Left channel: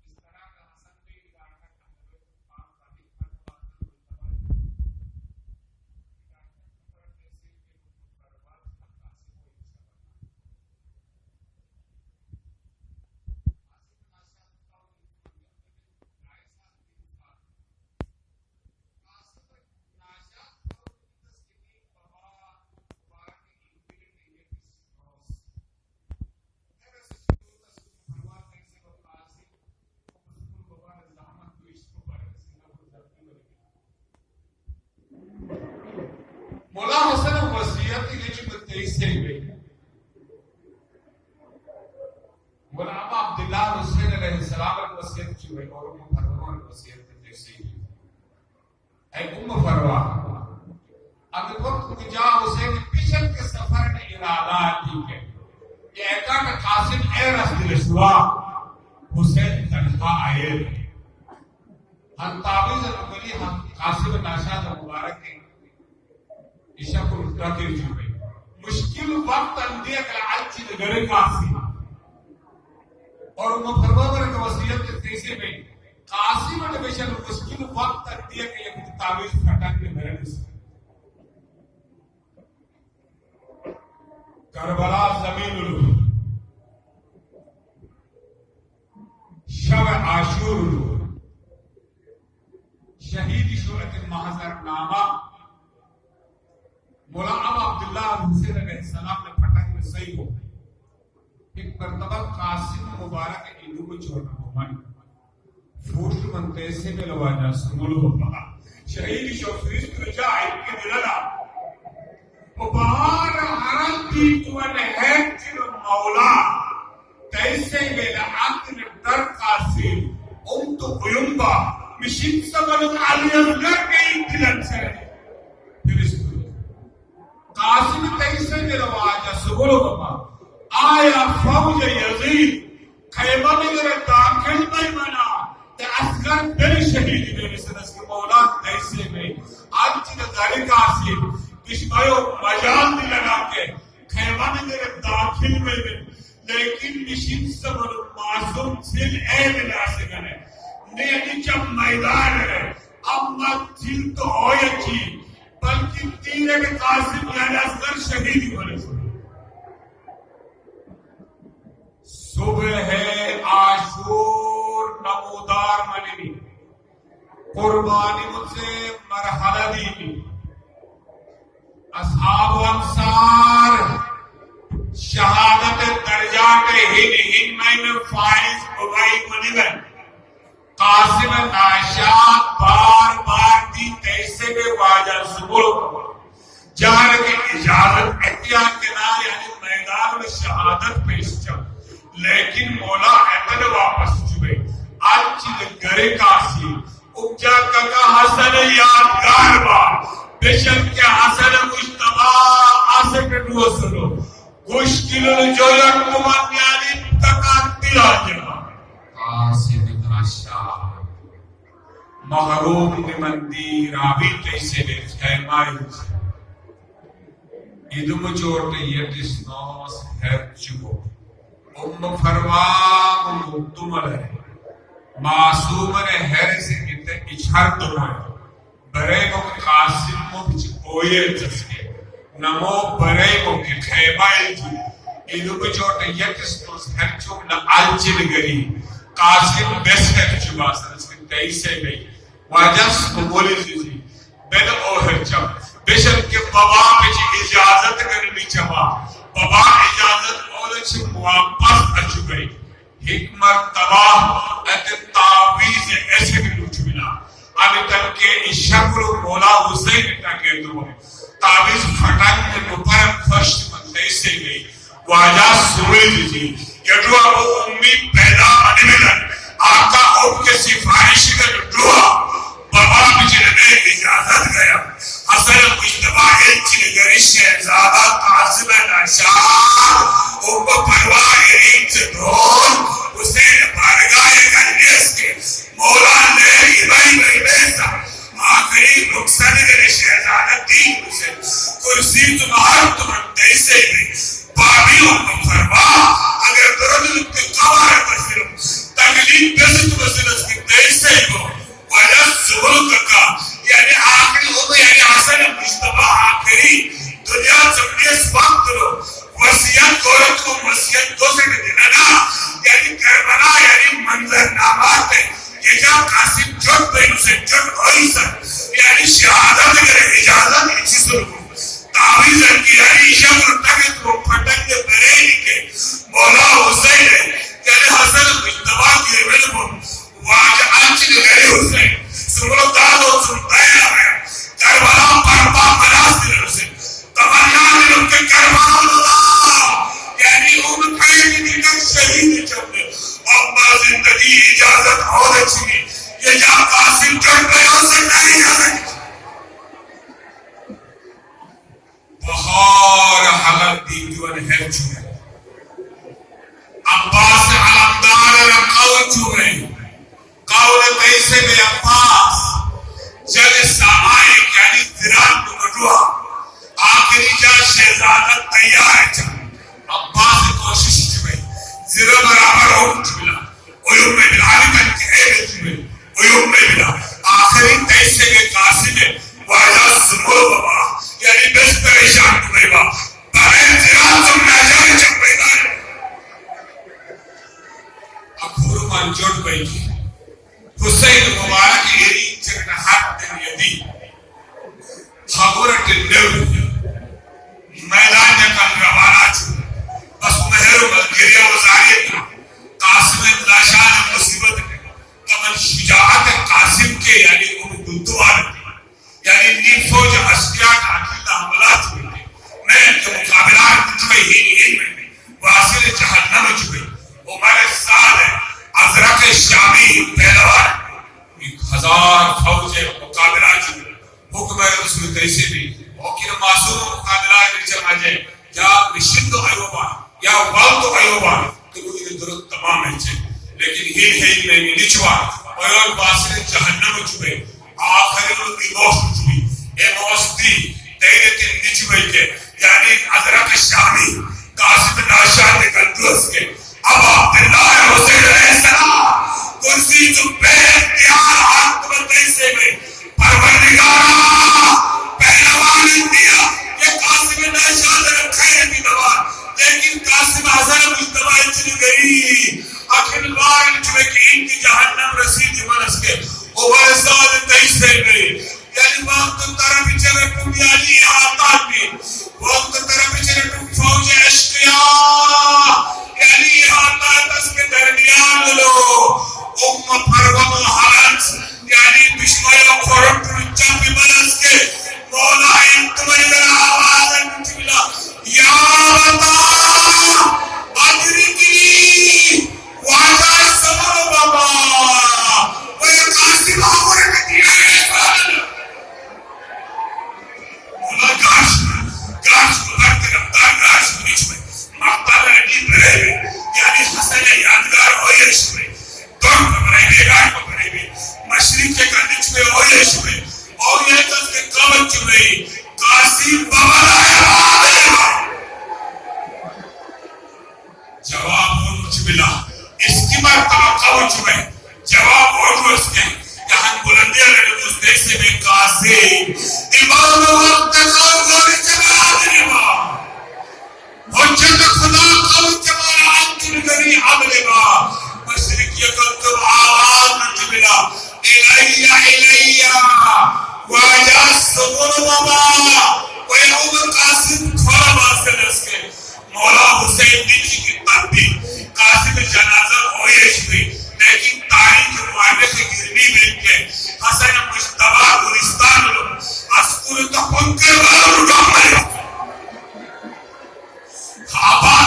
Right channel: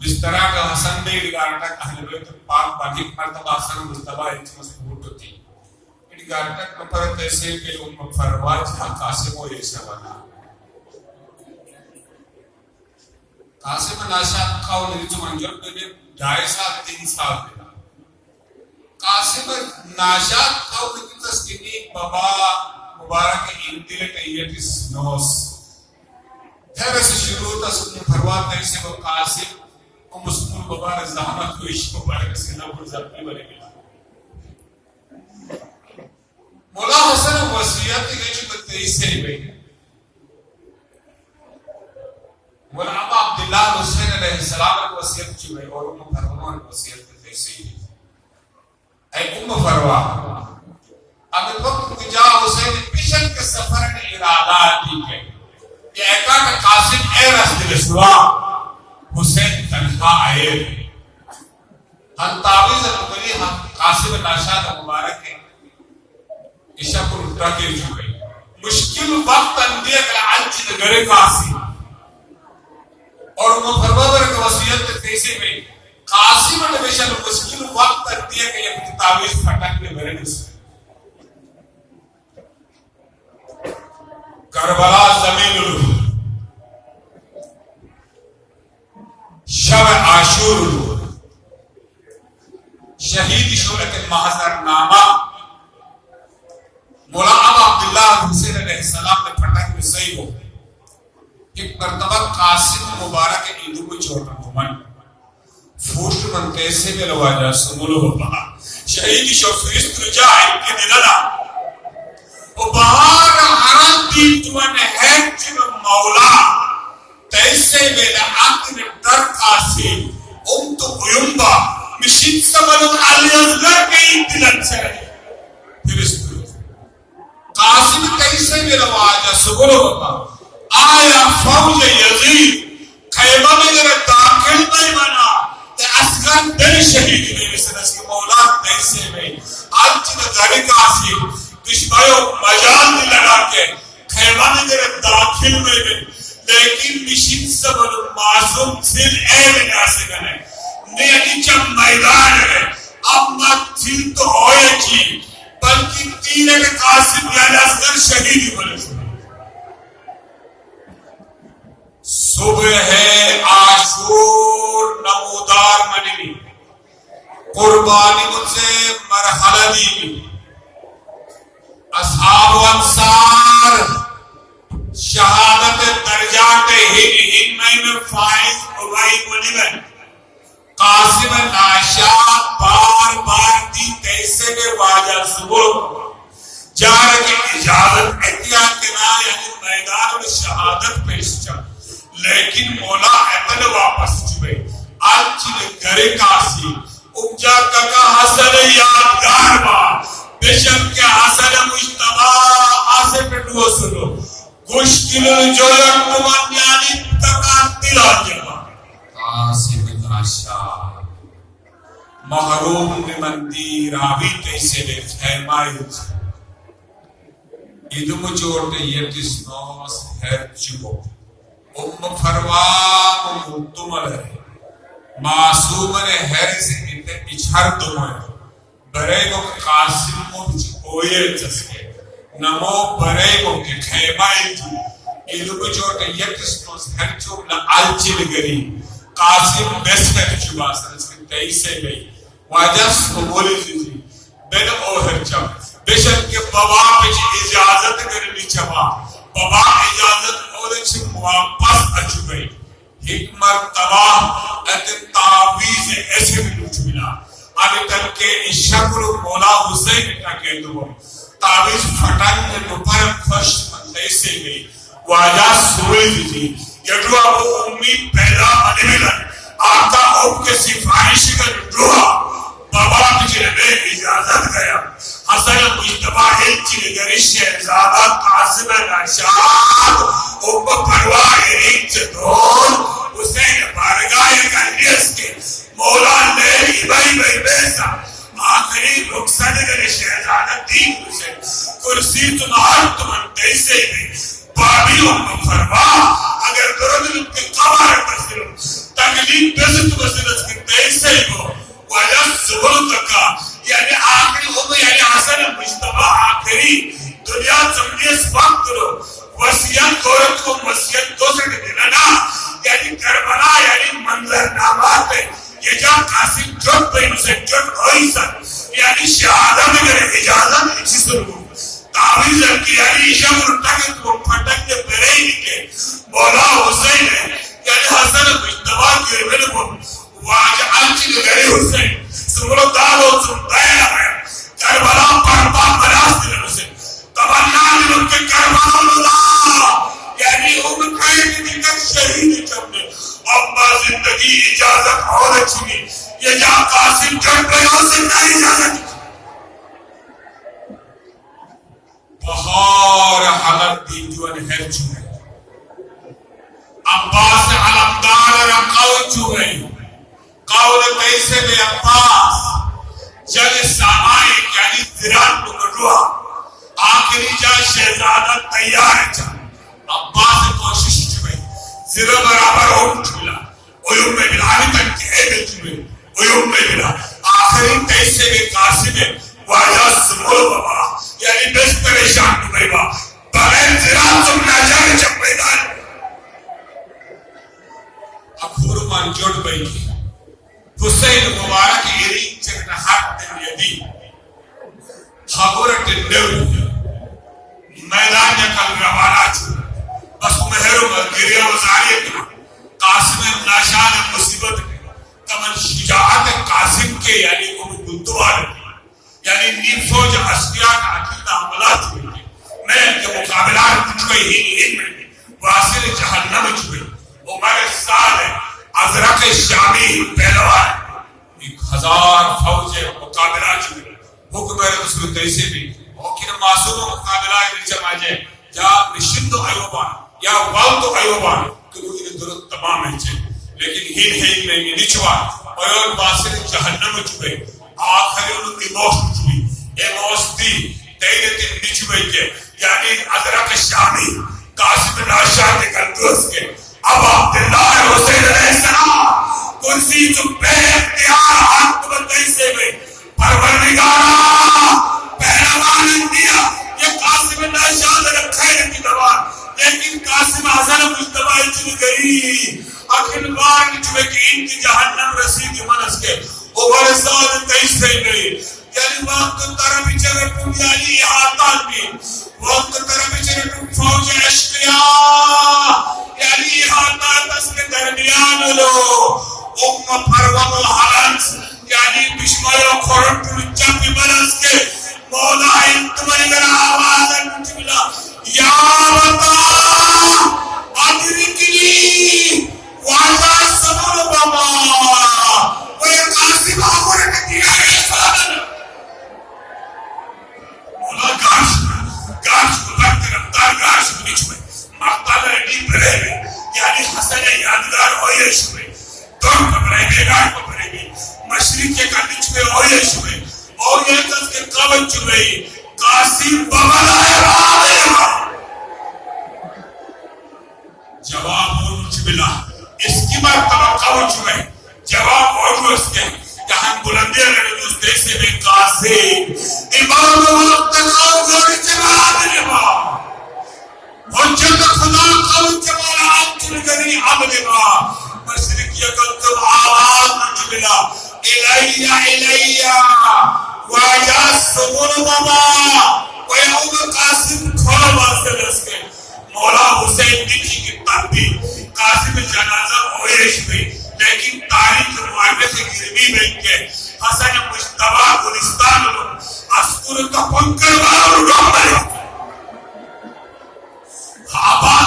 جس طرح کا حسن بے گارٹک اہل بیت پاک باقی مرتبہ حسن مصطفیٰ ایک مضبوط ہوتی گارٹک پر تحصیل کے ام فرواج قاسم و یہ شوانا قاسم ناشاد خواہ نریچو منجر بے 2.5 سال 3 سال دینا قاسم ناشاد خواہ نریچو تسکینی بابا مبارک انتیلٹ ایٹس نوس پھر سے شروع تا سکن فرواج تحصیل و قاسم و مسلم مبارک زحمت کو عشق مبارک سے نبور زبنی بنے گا مولا حسن وصیت کی جو 23 سے ہوئی مولا ابا عبداللہ حسین علیہ السلام کی وصیت کی ہوئی اور ام فروا کی وصیت کی تیسی اے ام فروا اب وقت جا حسین پیشن کے سفر نے ارادہ دی ہے کہ ایکا کہ قاسم اے رسول رسوا حسین تنہا آئے ہم تعویز الملی ہم قاسم ناشاد مبارک ہے عشاء کو اٹھا کے جو گئی مشکل وقت اندیہ کلا آلچی نگرے قاسم اور ام فروا برک وصیت تیسے میں قاسم نبیشن مشکل وقت اندیہ کہ یہ تعویز پھٹک میں بھرے نسل کربلا زمین الروح شب عاشور الروح شہید شورت محضر نامہ مولا ابا عبداللہ حسین علیہ السلام نے پھٹک میں صحیح ہو ایک مرتبہ قاسم مبارک عیدو کو چھوٹا مومن فوشت منتے سے میں لواجہ سمولو ہوگا شہید شوفیست رجا ایک کے دلنا و بہار حرام دین جوان ہے جن مولا تیسے میں لعاقن در قاسم تو قیمبا مشید سمنو علی ازلر کے دلن سے پھر اس قاسم تیسے میں لواجہ سمولو ہوگا آیا فوج یزید خیمہ میں ذرا داخل نہیں بنا تے اسگان دل شہید میں مثل اس کے مولا تیسے میں آنچہ دھڑی قاسم دشمایوں مجال میں لڑا کے خیمہ میں ذرا داخل میں لیکن مشید سبن معصوم سل اے میں ناسے گنے نیٹی چم میدان ہے اب مت تھل تو ہوئے چی بلکہ تیرے کے قاسم یعنی اصغر شہیدی بولے صبح ہے عاشور نمودار منی قربانی مجھ سے مرحلہ دی اصحاب و انصار شہادت درجات ہن میں فائز اگائی منیبن قاسم ناشاد بار بار دی تیسے میں واجہ صبح جہاں کی اجازت احتیاط کے نا یعنی میدان میں شہادت پیش چاہ لیکن مولا اپنے واپس چوئے آلچی گرے کاسی اپجا کا حسن یادگار با بشک کے حسن مجتبہ آسے پہ ڈو سنو گوشتل جویت کمان یعنی تکان تلا جبا قاسم ناشاد محروم نمندی راوی تیسے لے خیمائی ادم چورتے یکس نوس ہے چبو ام فروام مطمل ہے معصوم نے حیر سے اچھر تمہیں برے کو قاسم کو بچھوئے جسے نمو برے کو کہ خیمائی تھی ادھو بچوٹ یکس نوس ہے چوب لعالچل گری قاسم بیس ہے چبا سر اس کے تیسے گئی واجس قبولی تھی بین اوہر چب بشک کے بابا پچھ اجازت کرنی چبا بابا اجازت سے واپس اچھو گئی حکمت تباہ ات تعویز ایسے بھی لوچ ملا ابھی تک کہ اس شکل مولا حسین ٹکے دو تعویز پھٹن میں نپر خوش مندے سے گئی واجہ سوئی دی یہ دعا وہ امی پیدا بنے ملن آقا اوپ کے سفارش کا دعا بابا بجرے اجازت گیا حسن مجتبہ ایلچی نگری شہزادہ قاسم ناشاد ام پرواہ ایک دھول حسین بارگاہ گلیس کے مولا نے بھائی بیسا آخری رخصت نگری شہزادہ تین حسین کرسی تمہار تمہنتے سے گئی بابی ام پرواہ اگر درد کے قبار بسرم تکلیف نزد وزنت کی تیسے ہو وجہ زبل کا یعنی آخری ہو یعنی حسن مجتبہ آخری دنیا چمڑی اس وقت رو وسیعت دولت کو وسیعت دو سے دلانا یعنی کربلا یعنی منظر نامات ہے یہ جا قاسم جٹ بین سے جٹ ہوئی سن یعنی شہادت اگر اجازت اچھی سرگو تعویز ہے کہ یعنی شب رتاکت کو پھٹک دے بریئی کے مولا حسین ہے یعنی حسن مجتبہ کی ربل کو واجہ آنچی نگری حسین سمرو دالو سمتایا ہے کربلا پرپا مناس دل حسین تمنا دلوں کے کربلا اللہ یعنی ان کھائے کی دل شہید چمنے ابا زندگی اجازت اور اچھی یہ جا قاسم جٹ بیوں سے نہیں اجازت بہار حلق دی جوان ہے چھوئے عباس علمدار رقاو چھوئے قول تیسے میں عباس جل سامائے یعنی زران نگڑوا آخری جا شہزادہ تیار ہے عباس کوشش چھوئے زرہ برابر ہوں چھولا اویوم میں بلانی کن کے اے چھوئے اویوم میں بلا آخری تیسے میں قاسم ہے واجہ سمول بابا یعنی بس پریشان ہوئے با بغیر زران تم نہ جائے جب بیدان اکھور مان جوڑ بئی کی حسین مبارک ایری چکن حق دن یدی حقورت نیو میدان یکل روانہ چھو بس مہر و گریہ وزاری کی قاسم ناشان مصیبت کے کمن شجاعت قاسم کے یعنی گلدوار یعنی نیب فوج اشتیاق عقیدہ حملات ہوئی تھے میں ان کے مقابلات چھوئے ہی ان میں واصل جہنم چھوئے عمر سال ہے ازرق شامی پہلوان 1000 فوج مقابلہ چھوئے حکم رسول تیسے بھی وکیل معصوم مقابلہ رجم آجے یا نشند ایوبان یا والد ایوبان کہ وہ یہ درد تمام ہے چھے لیکن ہین میں نچوا اور واصل جہنم چھوئے آخری انہوں موس چھوئی اے موس دی تیرے تین نچوئی کے یعنی ازرق شامی قاسم ناشان نکل دوست کے اب عبداللہ حسین علیہ السلام کرسی تو بے اختیار حق بندی سے میں پروردگارہ پہلوان انڈیا یہ قاسم ناشان رکھے کی دوان لیکن قاسم حسن مجتبہ چلی گئی اکھل بار چلے کہ ان کی جہنم رسید منس کے اوبر سال تیس سے گئی یعنی وقت طرح پیچھے رکھوں یعنی احاطات بھی وقت طرح پیچھے رکھوں فوج اشتیاء یعنی احاطات اس کے درمیان لو پروم الحرنس یعنی بشمار و خورم چمپی منس کے مولا انتمنی در آواز انتملا یا بتا ادرکی واجہ سمر بابا وہی قاسم آمور کا دیا ہے مولا گاش بھرت رفتار گاش بنیش میں مقتل رڈی بھرے میں یعنی حسن یادگار ہوئیش میں دور بھرے میں گاش بھرے میں مشرق کے کنچ میں ہوئیش میں اور یہ تک کے قبل چلئی قاسم بابا لائے جواب اور مجھ ملا اس کی مرتبہ قوچ میں جواب اور اس کے یہاں بلندی اگر اس دیسے میں قاسم امام وقت قوم اور جواب نبا حجت خدا قوم جمالات نگری عمل با مشرق یکل تو آواز مجھ ملا الیہ واجہ سبور بابا ویہوم قاسم کھولا باستے دس کے مولا حسین نیچی کی تبھی قاسم جنازہ ہوئیش بھی لیکن تاریخ معاہدے سے گرمی بین کے حسن مجتبہ گلستان لو اسکول تو پنکر بارو رو مرے خوابا